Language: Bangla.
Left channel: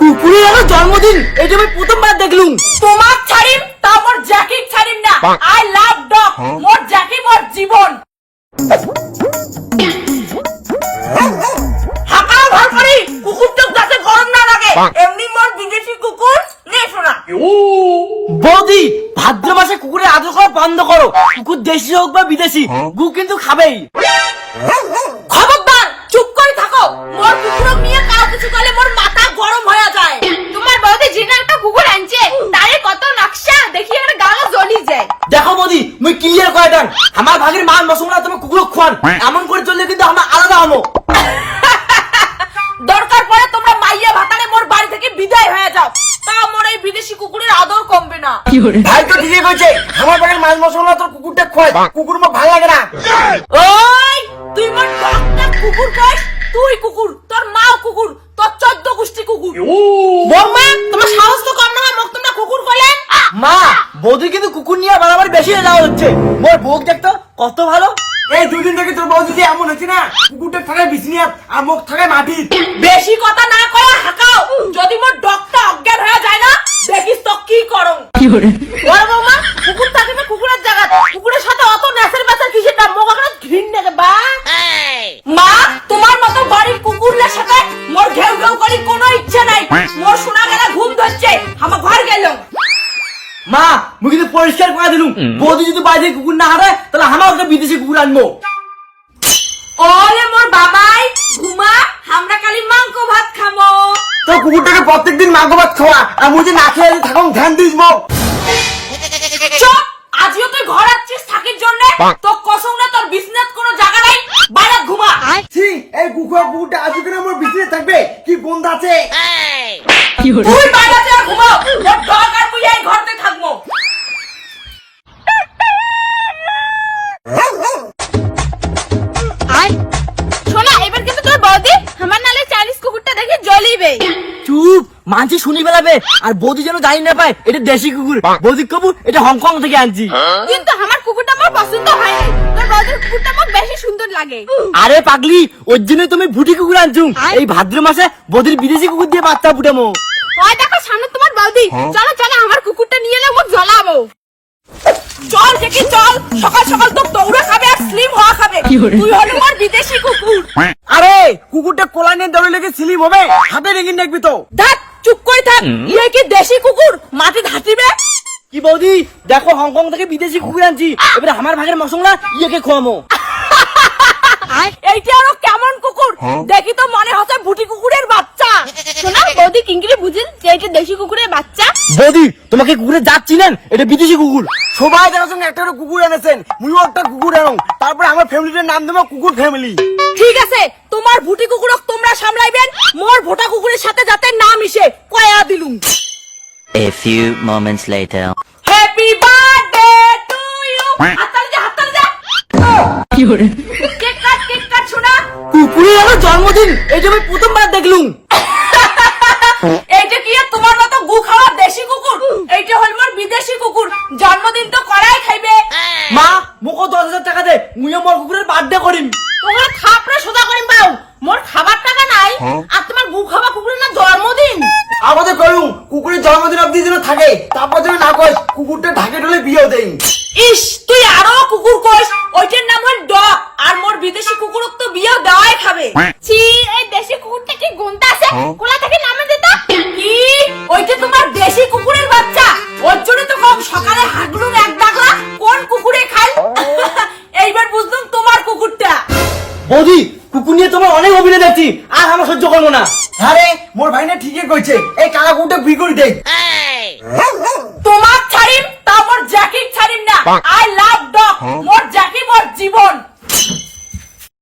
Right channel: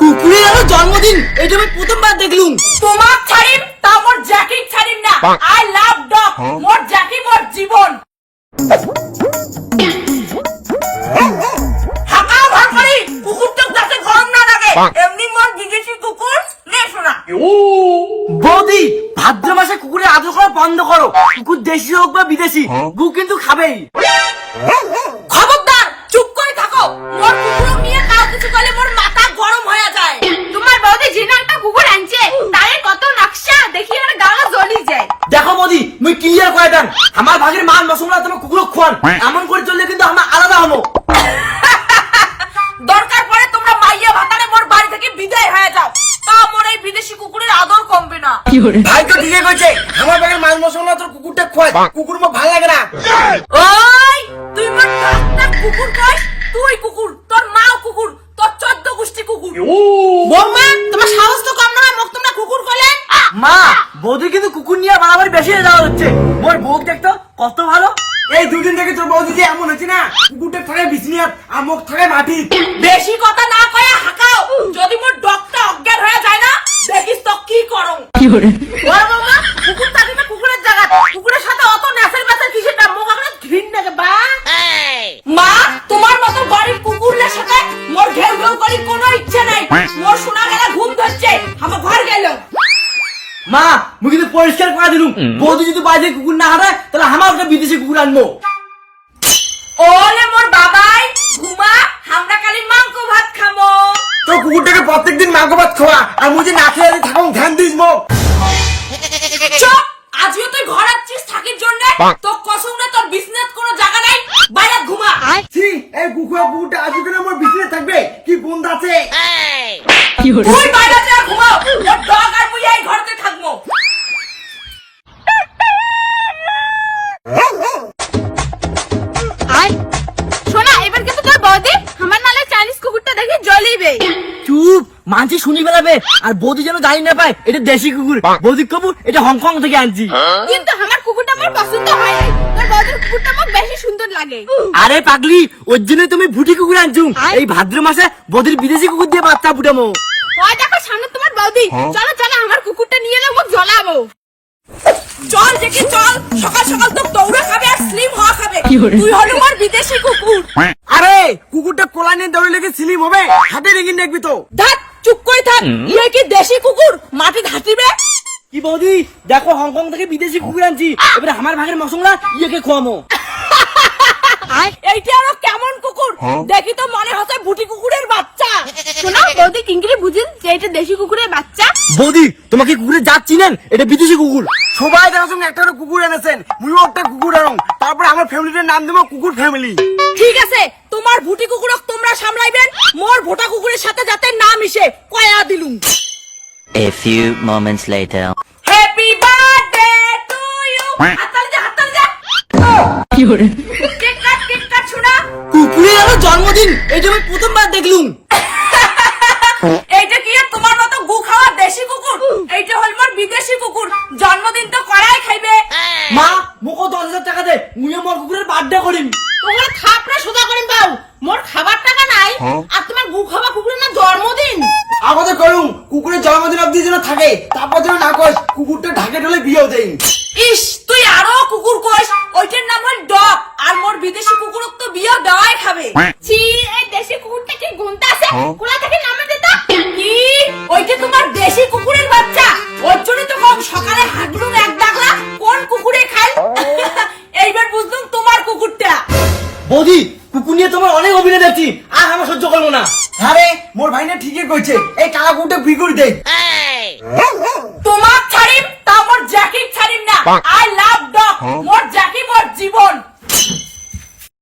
কুকুরের জন্মদিন এটা আমি প্রথমবার দেখলুম। তোমার ছাড়িম তা মোর জ্যাকি ছাড়িম না। আই লাভ ডগ, মোর জ্যাকি মোর জীবন। হাঁকা ভাল করি কুকুরটা যাতে গরম না লাগে, এমনি মোর বিদেশি কুকুর নে শোনা। বৌদি ভাদ্র মাসে কুকুরের আদর করা বন্ধ করো। কুকুর দেশি হোক বা বিদেশি গু কিন্তু খাবেই। খবরদার চুপ করে থাকো। মোর কুকুরক নিয়ে কাজ কিছু করলে মোর মাথা গরম হয়ে যায়। তোমার বৌদি জিনা একটা কুকুর আনছে, তারে কত নকশা দেখি আর গালা জ্বলি যায়। দেখো বৌদি মুই ক্লিয়ার করে দেন, আমার ভাগের মান মশলা তুমি কুকুরক খাওয়ান, এমন করে চললে কিন্তু আমরা আলাদা হবো। দরকার পড়ে তোমরা মাইয়া ভাতারে মোর বাড়ি থেকে বিদায় হয়ে যাও, তা মোর এই বিদেশি কুকুরের আদর কমবে না। ভাই তো ঠিকই কইছে, আমার ভাগের মান মশলা তোর কুকুরটা খাওয়াই, কুকুর মো ভালো লাগে না। ওই তুই মোর একটা কুকুর কই, তুই কুকুর, তোর মাও কুকুর, তোর 14 গোষ্ঠী কুকুর। বর্মা তোমার সাহস তো কম না, মোক তোমরা কুকুর কইলে। মা বৌদি কিন্তু কুকুর নিয়ে বাড়াবাড়ি বেশি যাওয়া হচ্ছে। মোর বউ দেখতো কত ভালো। এই দুদিন থেকে তোর বৌদি যে এমন হচ্ছে না, কুকুরটা থাকে বিছনিয়াত আর মুখ থাকে মাটি। বেশি কথা না কয়ে হাঁকাও, যদি মোর ডগটা অজ্ঞান হয়ে যায় না দেখিস তো কি করং। বর্মা কুকুর থাকে না কুকুরের জায়গা, কুকুরের সাথে অত নেশার বেচার কিসের নাম, মোক এখন ঘৃণ লাগে বা। মা তোমার মতো গরিব কুকুরের সাথে মোর ঘেউ ঘেউ করি কোনো ইচ্ছে নাই। মোর শোনা গেলে ঘুম ধরছে, আমার ঘর গেল। মা মুই কিন্তু পরিষ্কার করে দিলুম, বৌদি যদি বাজে কুকুর না হারে তাহলে আমার একটা বিদেশি কুকুর আনবো। ওরে মোর বাবাই ঘুমা, আমরা কালি মাংস ভাত খামো। তো কুকুরটাকে প্রত্যেকদিন মাংস ভাত খাওয়া, আর মুই যে না খেয়ে থাকুন ধ্যান দিস মো। চুপ, আজিও তুই ঘর আসছিস থাকির জন্য, তো কসম না তোর বিজনেস কোনো জায়গা নাই, বাইরে ঘুমা। ছি এই কুকুরটা আজ কেন আমার বিছনে থাকবে, কি বন্ধ আছে। তুই বাইরে যা ঘুমাও, তোর ডগ আর মুই এই ঘরতে থাকবো। শোনা এবার কিন্তু তোর বৌদি আমার নালে চাইনিজ কুকুরটা দেখে জ্বলিবে। চুপ, মানছি শুনি বেড়াবে, আর বৌদি যেন জানি না পায় এটা দেশি কুকুর। বৌদি কবু এটা হংকং থেকে আনছি। কিন্তু আমার কুকুরটা আমার পছন্দ হয়নি, তোর বৌদির কুকুরটা আমার বেশি সুন্দর লাগে। আরে পাগলি, ওর জন্য তুমি ভুটি কুকুর আনছুম। এই ভাদ্র মাসে বৌদির বিদেশি কুকুর দিয়ে বাচ্চা ফুটামো। ওই দেখো সামনে তোমার বৌদি, চলো চলো আমার কুকুরটা নিয়ে এলে মুখ জ্বলাবো। চল দেখি চল, সকাল সকাল তো দৌড়ে খাবে আর স্লিম হওয়া খাবে। তুই হলো আমার বিদেশি কুকুর। আরে কুকুরটা কোলা নিয়ে দৌড়ে লেগে স্লিম হবে, হাতে রেখে দেখবি তো। ধ্যাৎ চুপ করে থাক, ইয়ে কি দেশি কুকুর মাটি ধাতিবে। কি বৌদি দেখো হংকং থেকে বিদেশি কুকুর আনছি, এবারে আমার ভাগের মশলা ইয়েকে খোয়ামো। এইটা আরো কেমন কুকুর দেখি তো, মনে হচ্ছে ভুটি কুকুরের বাচ্চা। শোনো বৌদি কিংকিরে বুঝেন যে এটা দেশি কুকুরের বাচ্চা। বৌদি তোমাকে কুকুরের জাত চিনেন, এটা বিদেশি কুকুর। সবাই জানাচ্ছেন একটা কুকুর এনেছেন, মুইও একটা কুকুর আনুন, তারপরে আমার ফ্যামিলির নাম দেবো কুকুর ফ্যামিলি। ঠিক আছে, তোমার ভুটি কুকুরক তোমরা সামলাইবেন, মোর ভোটা কুকুরের সাথে যাতে না মিশে কয়া দিলুম। A few moments later. Happy birthday to you. হাততালি দে হাততালি দে। কেক কাট শোনা। কুকুরের জন্মদিন এটা আমি প্রথমবার দেখলুম। এইটা কি আর তোমার মতো গু খাওয়া দেশি কুকুর? এইটা হল মোর বিদেশি কুকুর, জন্মদিন তো করাই খাইবে। মা মুখো 10,000 টাকা দে, মুইও মোর কুকুরের বার্থডে করিম। তোমার থাপড়া সোজা করিম পাও, মোর খাবার টাকা নাই আর তোমার গু খাওয়া কুকুরের না জন্মদিন। আমাদের করুন কুকুরের জন্মদিন অব্দি যেন থাকে, তারপর যেন না কয় কুকুরটা ঢাকে ঢলে বিয়েও দেই। ইস তুই আরো কুকুর কইস, ওইটার নাম হল ডগ, আর মোর বিদেশি কুকুরক তো বিয়েও দেওয়াই খাবে। ছি এই দেশি কুকুরটা কি গুণটা আছে, কোলা থেকে নামে দিতা কি? ওইটা তোমার দেশি কুকুরের বাচ্চা, ওর জন্য তো কম সকালে হাগলুম এক ডাকলা কোন কুকুরে খাই। এইবার বুঝলুম তোমার কুকুরটা। বৌদি কুকুর নিয়ে তোমার অনেক অভিনয় দেখছি, আর আমার সহ্য করবো না। আরে মোর ভাই না ঠিকই কইছে, এই কালা কুকুরটা বিক্রি করে দে। তোমার ছাড়িম তা মোর জ্যাকি ছাড়িম না। আই লাভ ডগ, মোর জ্যাকি মোর জীবন।